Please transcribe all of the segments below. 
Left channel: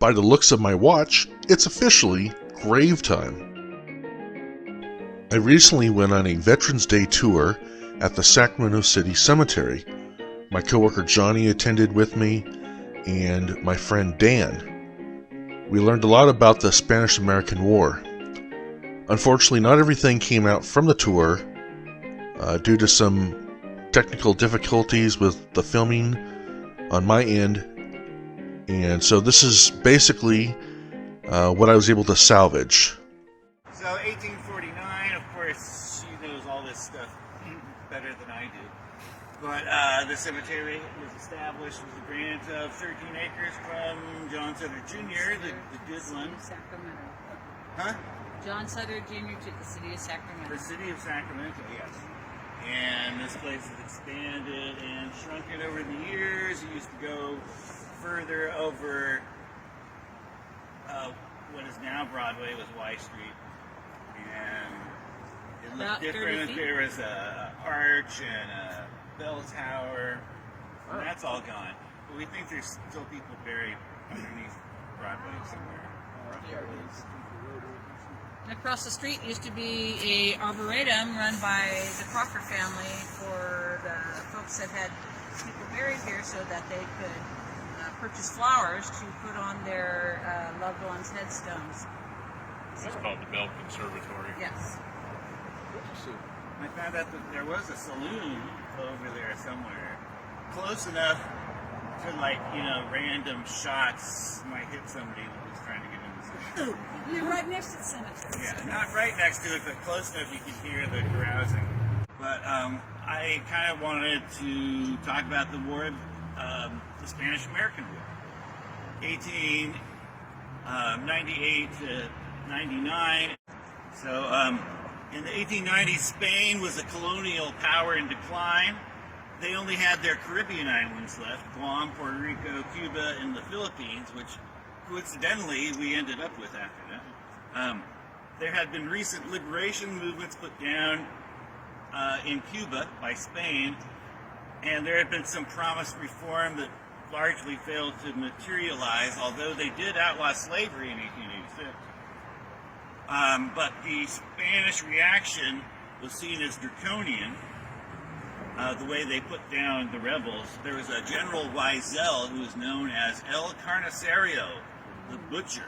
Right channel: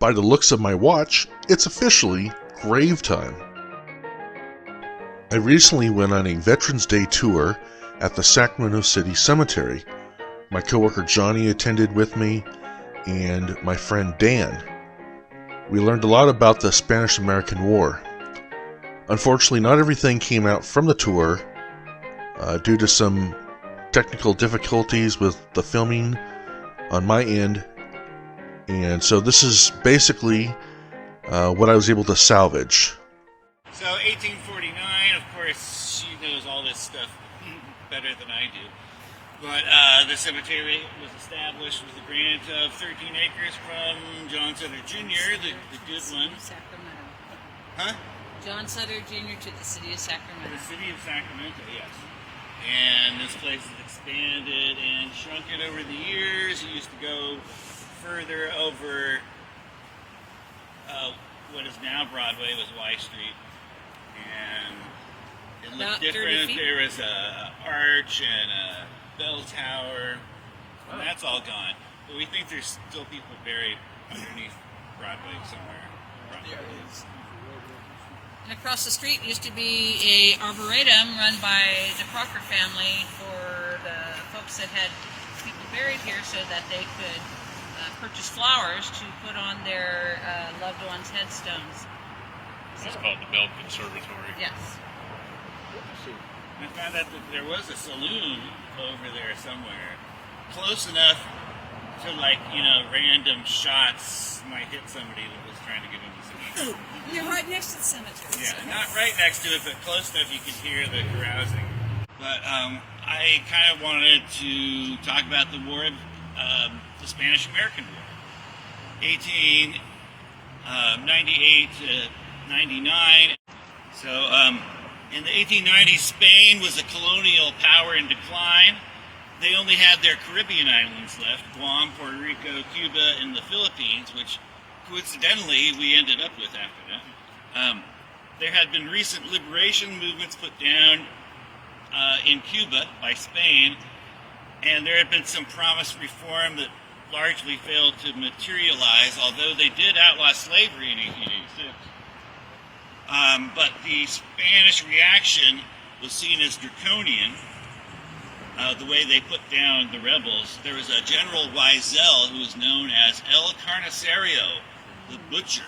by the looks of my watch, it's officially grave time. I recently went on a Veterans Day tour at the Sacramento City Cemetery. My coworker Johnny attended with me, and my friend Dan. We learned a lot about the Spanish-American War. Unfortunately, not everything came out from the tour due to some technical difficulties with the filming on my end, and so this is basically what I was able to salvage. So 1849, of course, she knows all this stuff better than I do. But the cemetery was established with a grant of 13 acres from John Sutter Jr., the good one. Sacramento. Huh? John Sutter Jr. to the city of Sacramento. The city of Sacramento, yes. And this place has expanded and shrunken over the years. It used to go further over what is now Broadway, was Y Street. And it looked different. There was a arch and a bell tower, and that's all gone. But we think there's still people buried underneath Broadway somewhere. And across the street used to be a arboretum run by the Crocker family for the folks that had people buried here, so that they could purchase flowers to put on their loved ones' headstones. It's called the Bell Conservatory. Yes. I found out that there was a saloon over there somewhere, close enough to, like, random shots might hit somebody that was trying to get into the cemetery. You're right next to the cemetery. Yeah, not right next to it, but close enough you could hear the carousing. But I kind of wanted to talk about the war, the Spanish-American War, 1898 to 99. So in the 1890s, Spain was a colonial power in decline. They only had their Caribbean islands left, Guam, Puerto Rico, Cuba, and the Philippines, which coincidentally we ended up with after that. There had been recent liberation movements put down in Cuba by Spain, and there had been some promised reform that largely failed to materialize, although they did outlaw slavery in 1886. But the Spanish reaction was seen as draconian, the way they put down the rebels. There was a General Weisel who was known as El Carnicerio, the butcher.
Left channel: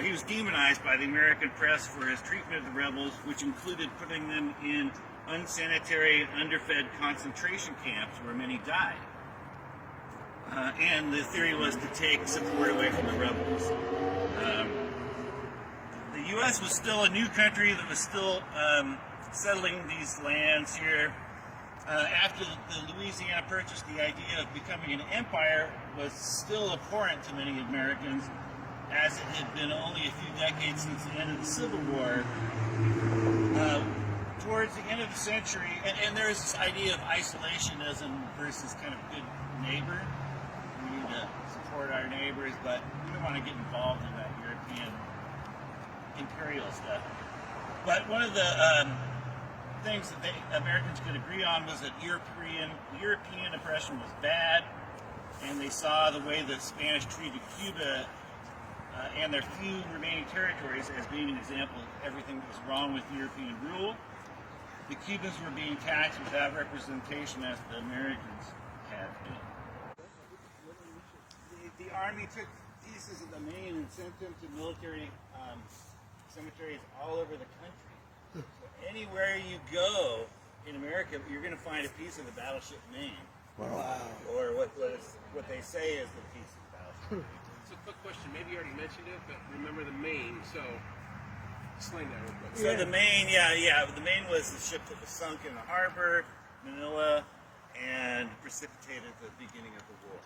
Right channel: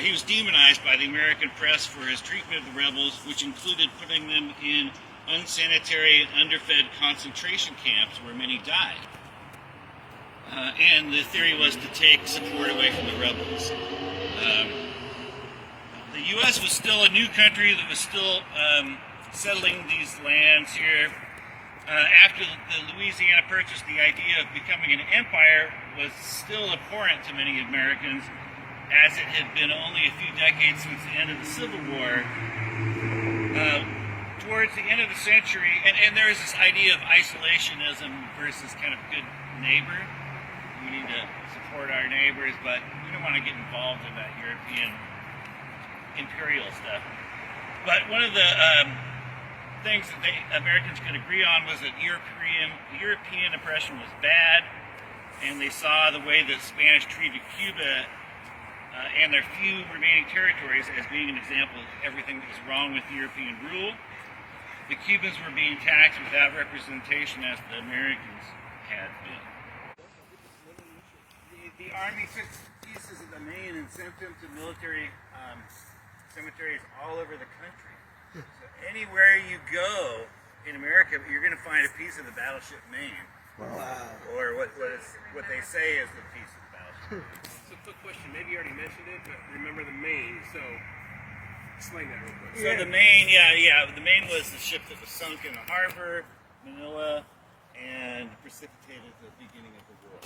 He was demonized by the American press for his treatment of the rebels, which included putting them in unsanitary and underfed concentration camps where many died. And the theory was to take support away from the rebels. The U.S. was still a new country that was still settling these lands here. After the Louisiana Purchase, the idea of becoming an empire was still abhorrent to many Americans, as it had been only a few decades since the end of the Civil War. Towards the end of the century, and there is this idea of isolationism versus kind of good neighbor. We need to support our neighbors, but we don't want to get involved in that European imperial stuff. But one of the things that Americans could agree on was that European oppression was bad, and they saw the way the Spanish treated Cuba and their few remaining territories as being an example of everything that was wrong with European rule. The Cubans were being taxed without representation as the Americans had been. The Army took pieces of the Maine and sent them to military cemeteries all over the country. So anywhere you go in America, you're going to find a piece of the battleship Maine. Wow. Or what they say is the piece of the battleship. It's a quick question. Maybe you already mentioned it, but remember the Maine, so explain that real quick. So the Maine, the Maine was the ship that was sunk in the harbor, Manila, and precipitated the beginning of the war.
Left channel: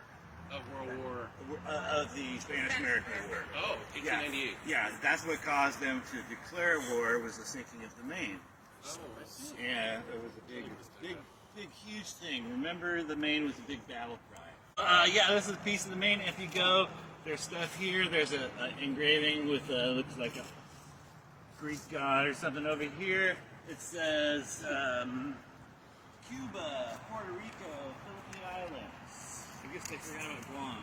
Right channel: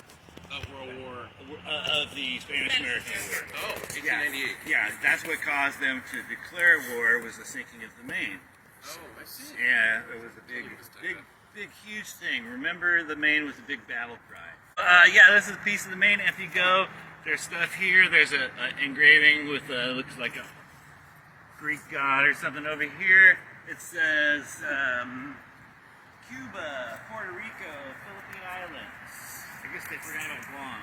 Of World War. Of the Spanish-American War. Oh, 1898. Yeah, that's what caused them to declare war, was the sinking of the Maine. Oh, I see. Yeah, it was a big, huge thing. Remember, the Maine was a big battle cry. This is a piece of the Maine. If you go, there's stuff here. There's an engraving with looks like a Greek god or something. Over here, it says Cuba, Puerto Rico, Philippine Islands. I guess they forgot about Guam.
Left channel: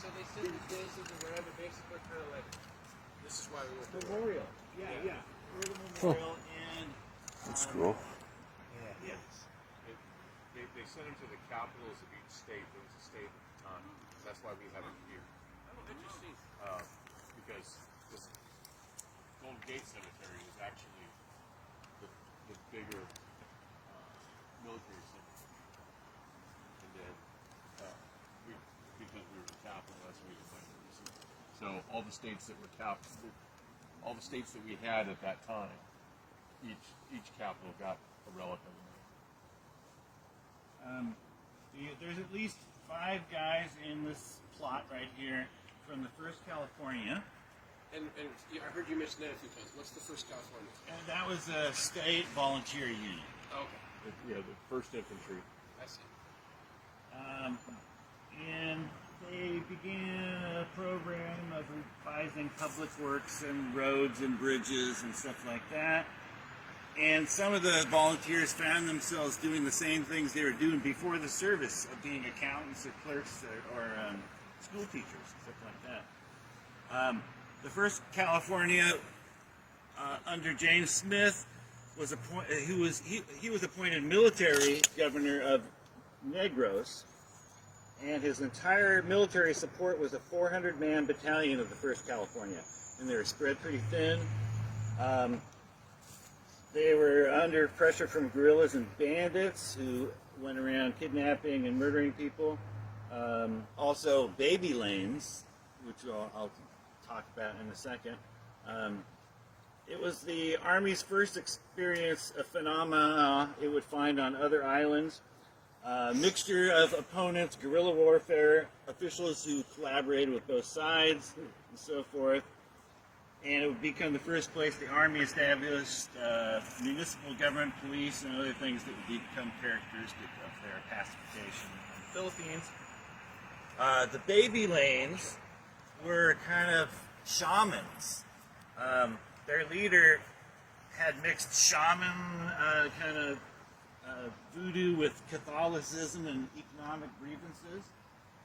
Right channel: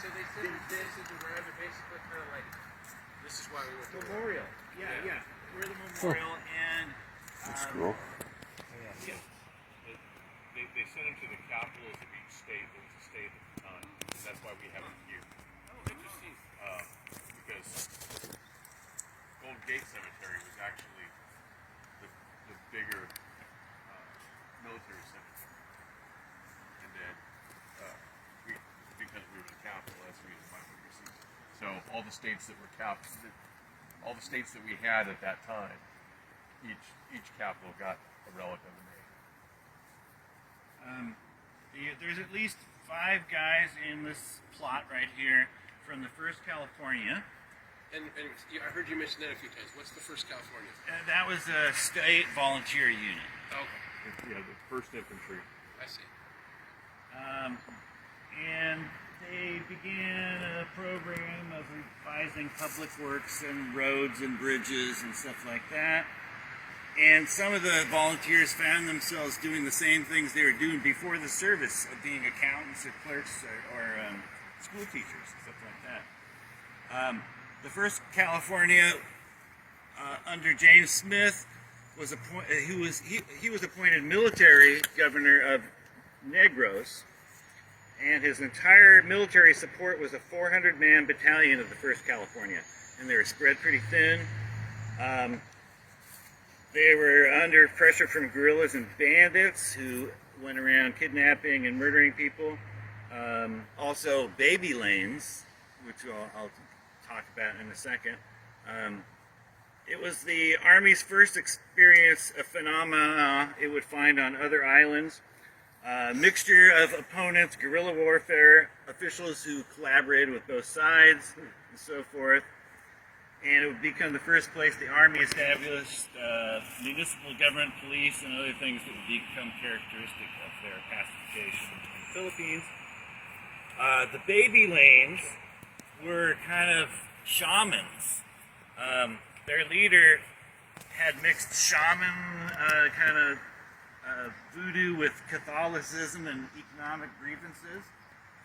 So they said that this is around, but basically kind of like, this is why we were Memorial. Yeah. We're the memorial, and That's cool. yeah. They sent them to the capitals of each state. There was a state at the time. That's why we have it here. Oh, interesting. Because Golden Gate Cemetery was actually the bigger military cemetery. And then because we were the capital, that's the reason why we received it. So all the states that were all the states that we had at that time, each capital got a relic of the name. There's at least 5 guys in this plot right here from the 1st California. And I heard you mention that a few times. What's the 1st California? And that was a state volunteer unit. Okay. Yeah, the 1st Infantry. I see. And they began a program of revising public works and roads and bridges and stuff like that. And some of the volunteers found themselves doing the same things they were doing before the service, of being accountants or clerks or school teachers and stuff like that. The 1st California, under James Smith, was he was appointed military governor of Negros, and his entire military support was a 400-man battalion of the 1st California, and they were spread pretty thin. They were under pressure from guerrillas and bandits who went around kidnapping and murdering people. Also, baby lanes, which I'll talk about in a second. It was the Army's first experience of phenomena it would find on other islands. Mixture of opponents, guerrilla warfare, officials who collaborated with both sides, and so forth. And it would become the first place the Army established municipal government, police, and other things that would become characteristic of their pacification in the Philippines. The baby lanes were kind of shamans. Their leader had mixed shaman kind of voodoo with Catholicism and economic grievances.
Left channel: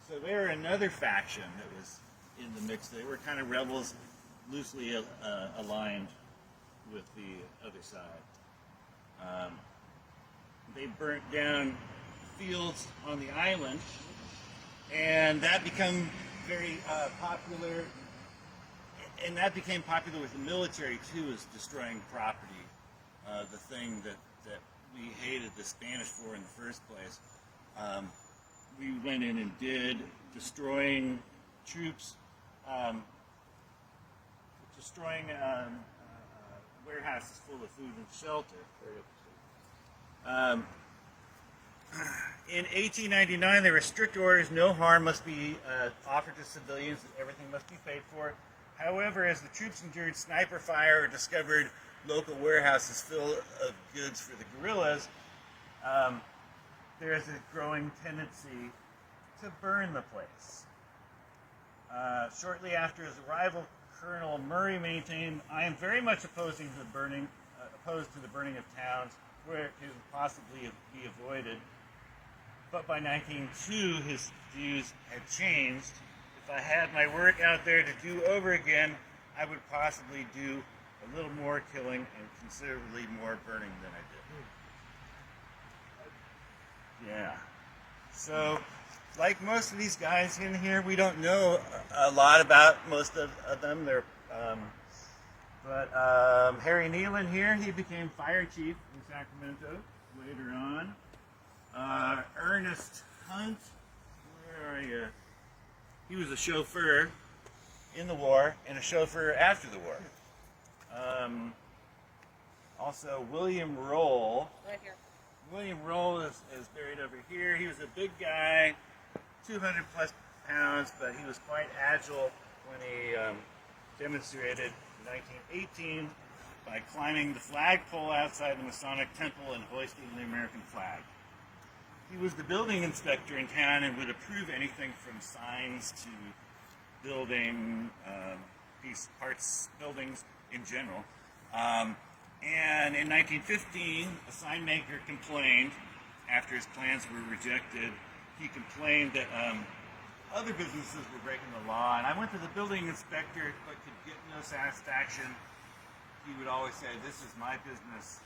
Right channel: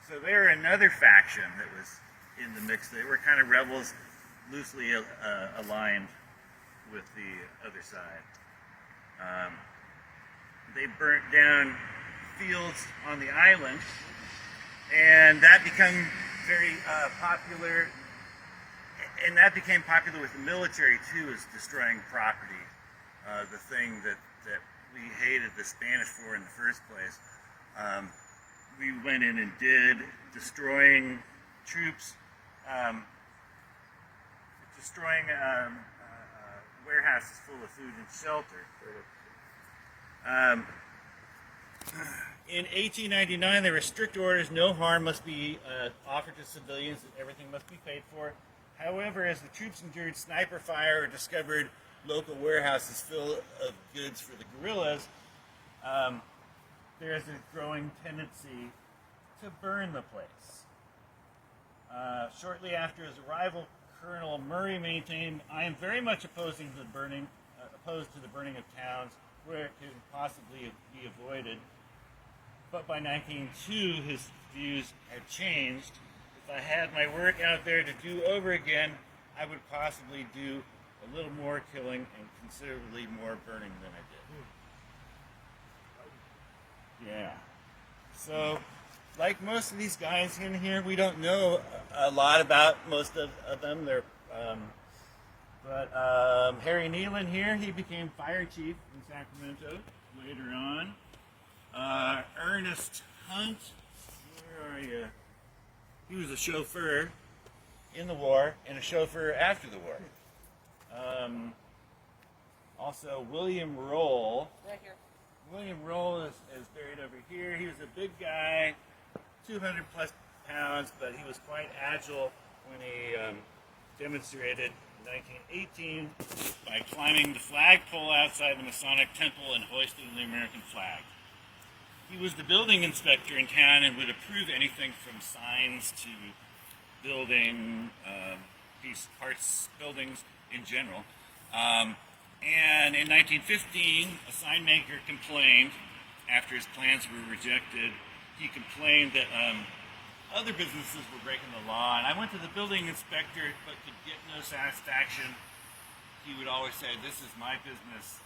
So they were another faction that was in the mix. They were kind of rebels, loosely aligned with the other side. They burnt down fields on the island, and that became very popular. And that became popular with the military too, as destroying property. The thing that we hated the Spanish for in the first place. We went in and did, destroying troops, destroying warehouses full of food and shelter. In 1899, there were strict orders: no harm must be offered to civilians, everything must be paid for. However, as the troops endured sniper fire or discovered local warehouses full of goods for the guerrillas, there's a growing tendency to burn the place. Shortly after his arrival, Colonel Murray maintained, "I am very much opposed to the burning of towns where it could possibly be avoided." But by 1902, his views had changed. If I had my work out there to do over again, I would possibly do a little more killing and considerably more burning than I did. Yeah. So, like most of these guys in here, we don't know a lot about most of them. But Harry Nealon here, he became fire chief in Sacramento later on. Ernest Hunt, where are you? He was a chauffeur in the war and a chauffeur after the war. Also, William Roll. Right here. William Roll is buried over here. He was a big guy, 200 plus pounds, but he was quite agile when he demonstrated in 1918 by climbing the flagpole outside the Masonic Temple and hoisting the American flag. He was the building inspector in town and would approve anything from signs to building buildings in general. And in 1915, a sign maker complained, after his plans were rejected, he complained that other businesses were breaking the law, and I went to the building inspector but could get no satisfaction. He would always say, "This is my business.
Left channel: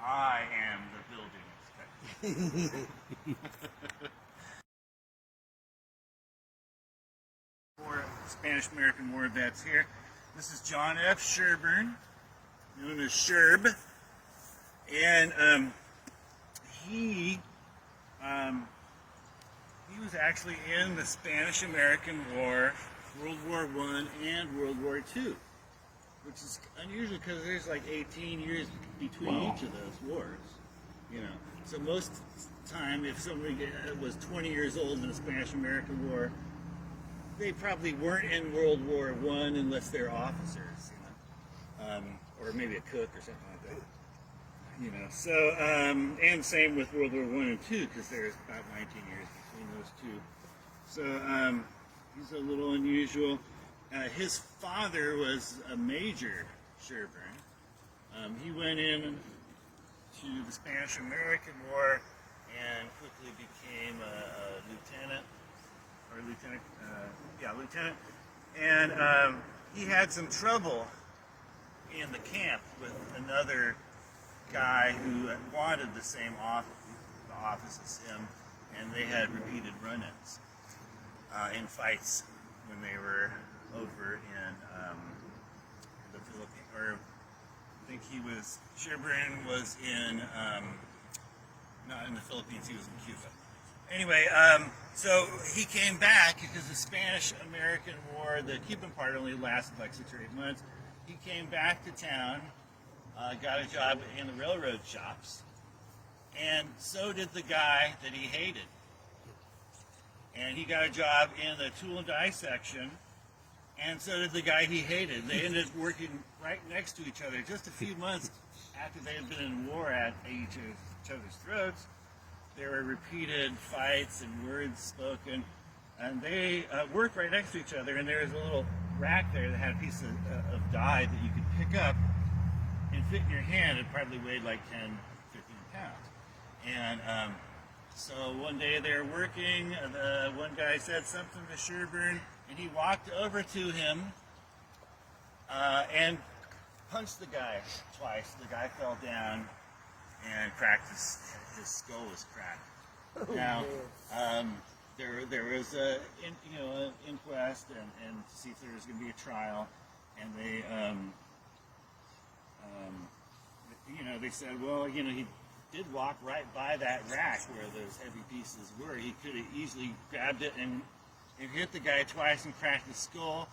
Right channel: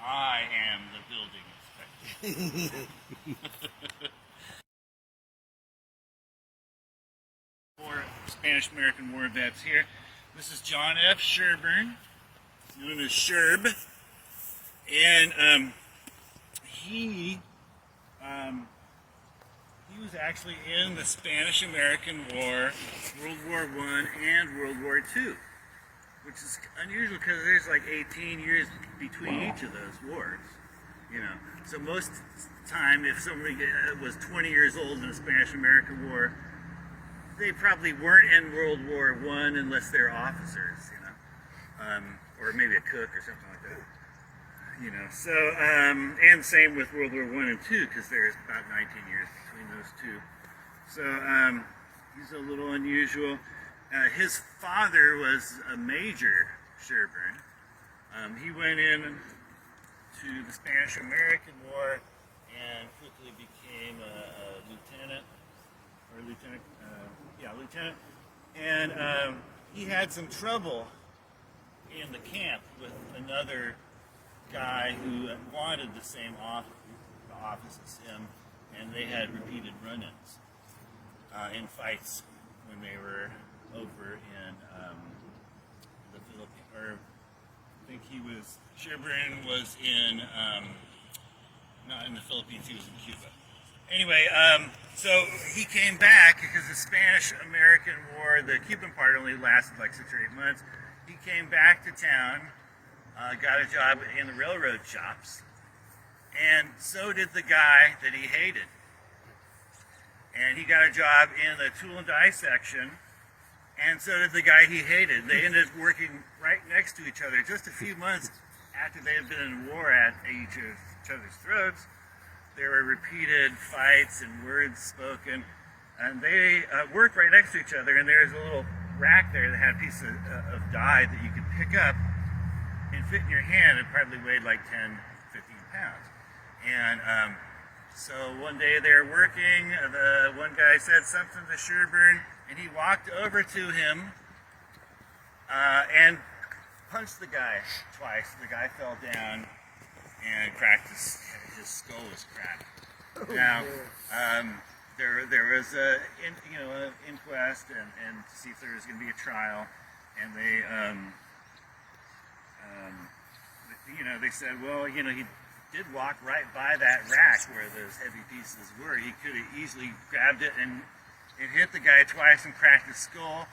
I am the building inspector." More Spanish-American War vets here. This is John F. Sherburne, known as Sherb, and he was actually in the Spanish-American War, World War I and World War II, which is unusual because there's like 18 years between each of those wars, you know. So most time, if somebody was 20 years old in the Spanish-American War, they probably weren't in World War I unless they're officers, you know, or maybe a cook or something like that. You know, so, and same with World War I and II, because there's about 19 years between those two. So, he's a little unusual. His father was a Major Sherburne. He went in to the Spanish-American War and quickly became a lieutenant, lieutenant. And he had some trouble in the camp with another guy who wanted the same office as him, and they had repeated run-ins in fights when they were over in the Philippines, or I think Sherburne was in, not in the Philippines, he was in Cuba. Anyway, so he came back because the Spanish-American War, the Cuban part only lasted like 6 or 8 months. He came back to town, got a job in the railroad shops, and so did the guy that he hated. And he got a job in the tool and die section, and so did the guy he hated. They ended up working right next to each other just a few months after they had been in war at each other's throats. There were repeated fights and words spoken, and they worked right next to each other, and there's a little rack there that had a piece of die that you could pick up and fit in your hand. It probably weighed like 10, 15 pounds. And so one day they were working, the one guy said something to Sherburne, and he walked over to him and punched the guy twice. The guy fell down and cracked his skull was cracked. Now, there was an inquest and to see if there was going to be a trial, and they they said, well, he did walk right by that rack where those heavy pieces were. He could have easily grabbed it and it hit the guy twice and cracked his skull.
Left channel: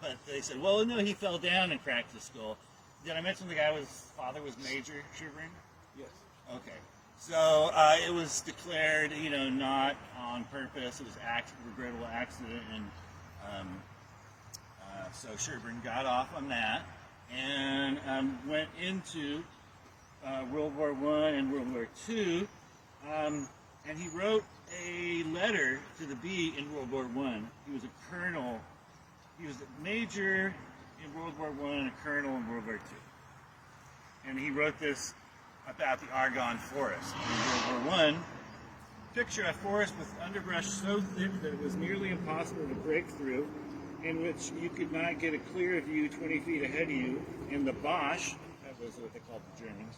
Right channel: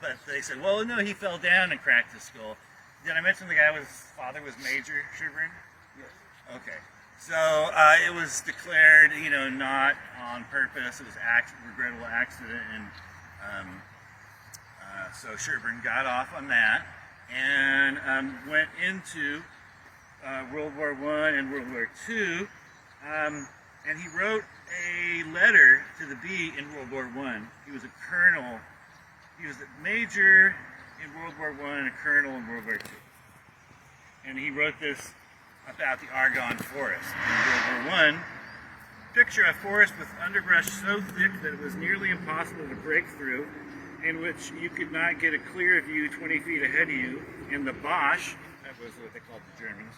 But they said, well, no, he fell down and cracked his skull. Did I mention the guy's father was Major Sherburne? Yes. Okay. So it was declared, not on purpose. It was regrettable accident, and so Sherburne got off on that and went into World War I and World War II, and he wrote a letter to the Bee in World War I. He was a colonel. He was a major in World War I and a colonel in World War II. And he wrote this about the Argonne Forest. In World War I, picture a forest with underbrush so thick that it was nearly impossible to break through, in which you could not get a clear view 20 feet ahead of you, and the Boche, that was what they called the Germans,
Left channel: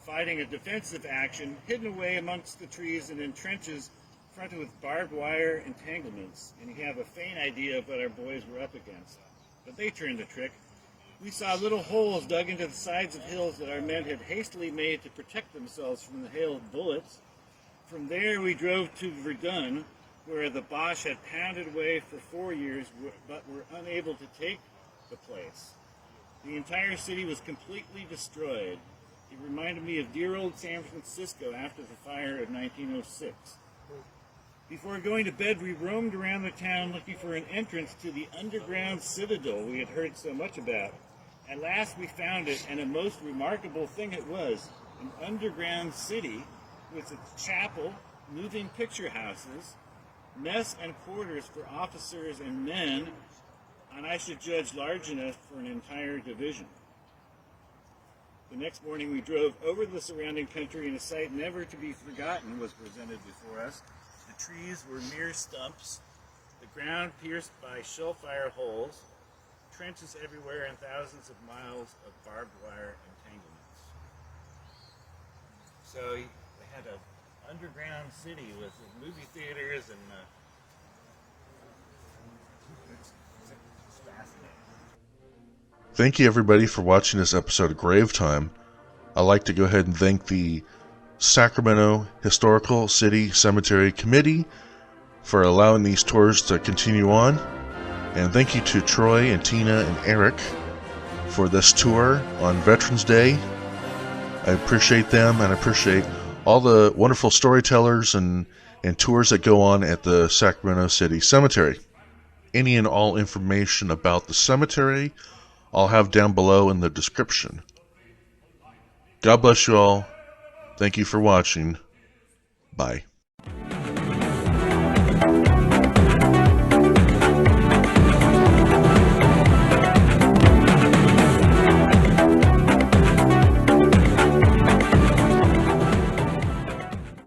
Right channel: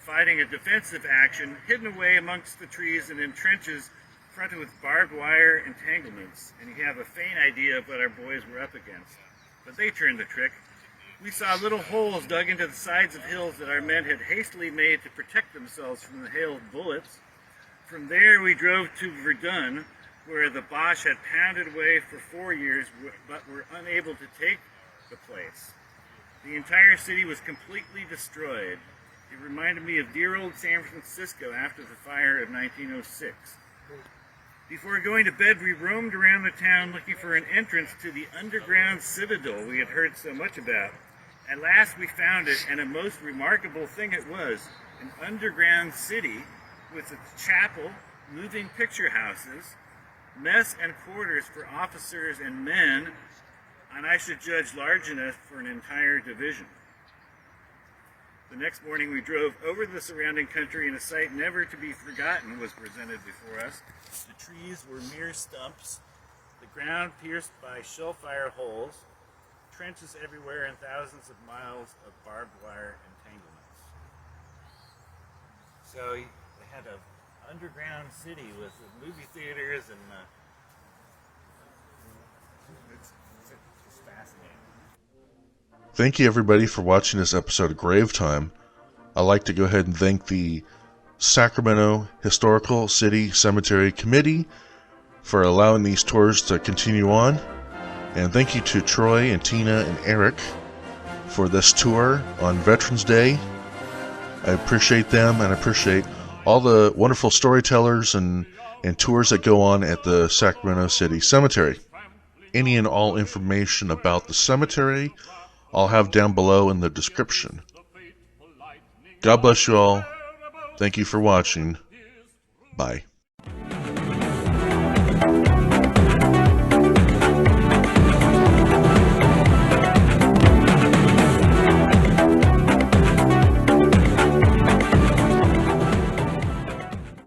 fighting a defensive action, hidden away amongst the trees and in trenches fronted with barbed wire entanglements. And you have a faint idea of what our boys were up against. But they turned the trick. We saw little holes dug into the sides of hills that our men had hastily made to protect themselves from the hail of bullets. From there we drove to Verdun, where the Boche had pounded away for 4 years, but were unable to take the place. The entire city was completely destroyed. It reminded me of dear old San Francisco after the fire of 1906. Before going to bed, we roamed around the town looking for an entrance to the underground citadel we had heard so much about. At last we found it, and a most remarkable thing it was, an underground city with its chapel, moving picture houses, mess and quarters for officers and men, and I should judge large enough for an entire division. The next morning we drove over the surrounding country and a sight never to be forgotten was presented before us. The trees were mere stumps, the ground pierced by shellfire holes, trenches everywhere, and thousands of miles of barbed wire entanglements. So they had an underground city with movie theaters and it's fascinating. Thank you everybody for watching this episode of Grave Time. I'd like to go ahead and thank the Sacramento Historical City Cemetery Committee for allowing these tours to continue on. And thank you to Troy and Tina and Eric for this tour on Veterans Day. I appreciate them, and I appreciate all the wonderful storytellers and tours that go on at the Sacramento City Cemetery. Any and all information about the cemetery I'll have down below in the description. God bless you all. Thank you for watching. Bye.